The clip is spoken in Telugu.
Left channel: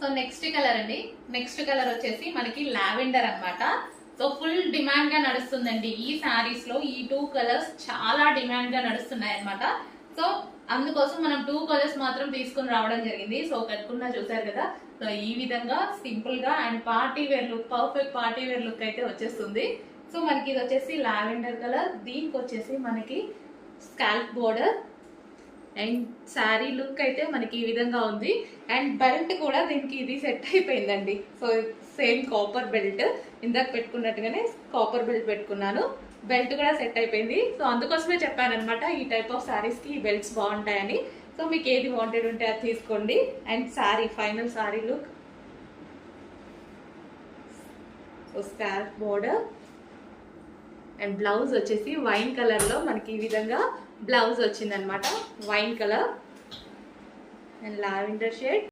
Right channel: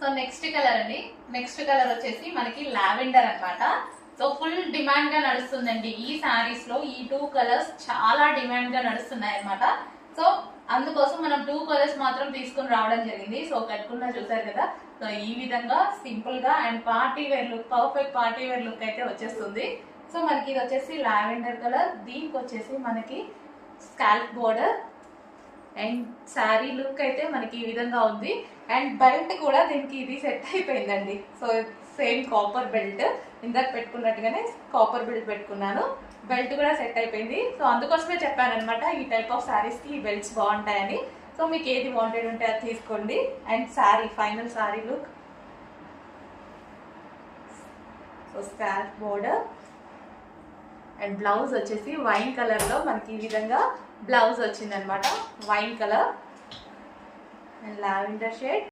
సో నెక్స్ట్ కలర్ అండి, నెక్స్ట్ కలర్ వచ్చేసి మనకి లావెండర్ అన్నమాట. సో ఫుల్ డిమాండ్ గా నడుస్తుందండి ఈ శారీస్ లో. ఈ 2 కలర్స్ చాలా డిమాండ్ గా నడుస్తున్నాయి అన్నమాట. సో అందుకోసం మనం 2 కలర్స్ మాత్రం తీసుకుని రావడం జరిగింది. సో కట్టుకున్నా చూసారు కదా. సో ఈ విధంగా సింపుల్ గా and party wear look, perfect party wear look అయితే వచ్చేస్తుంది. సో మనకి ఇది వచ్చేసి లావెండర్ కలర్, దీనికి వచ్చేసి మనకి scalp border and sari look అయితే మనకి ఈ విధంగా ఉంది. అండ్ బెల్ట్ కూడా దీనికి ఇది సెట్ అయిపోయిందండి. సో సేమ్ కాపర్ బెల్ట్, ఇందాక పెట్టుకున్నట్టుగానే కాపర్ బెల్ట్ పెట్టుకున్నాను. బెల్ట్ కూడా సెట్ అయిపోయింది. సో అందుకోసమే చెప్పాను అనమాట, ఈ టైప్ ఆఫ్ శారీస్ కి ఈ బెల్ట్స్ బాగుంటాయని. సో మీకు ఏది వాంటెడ్ ఉంటే అది తీసుకోండి. And sari, final sari look. So scalp border and blouse వచ్చేసి వైన్ కలర్ లో మనకి ఈ విధంగా బ్లౌజ్ వచ్చింది అనమాట. Wine colour and lavender shade.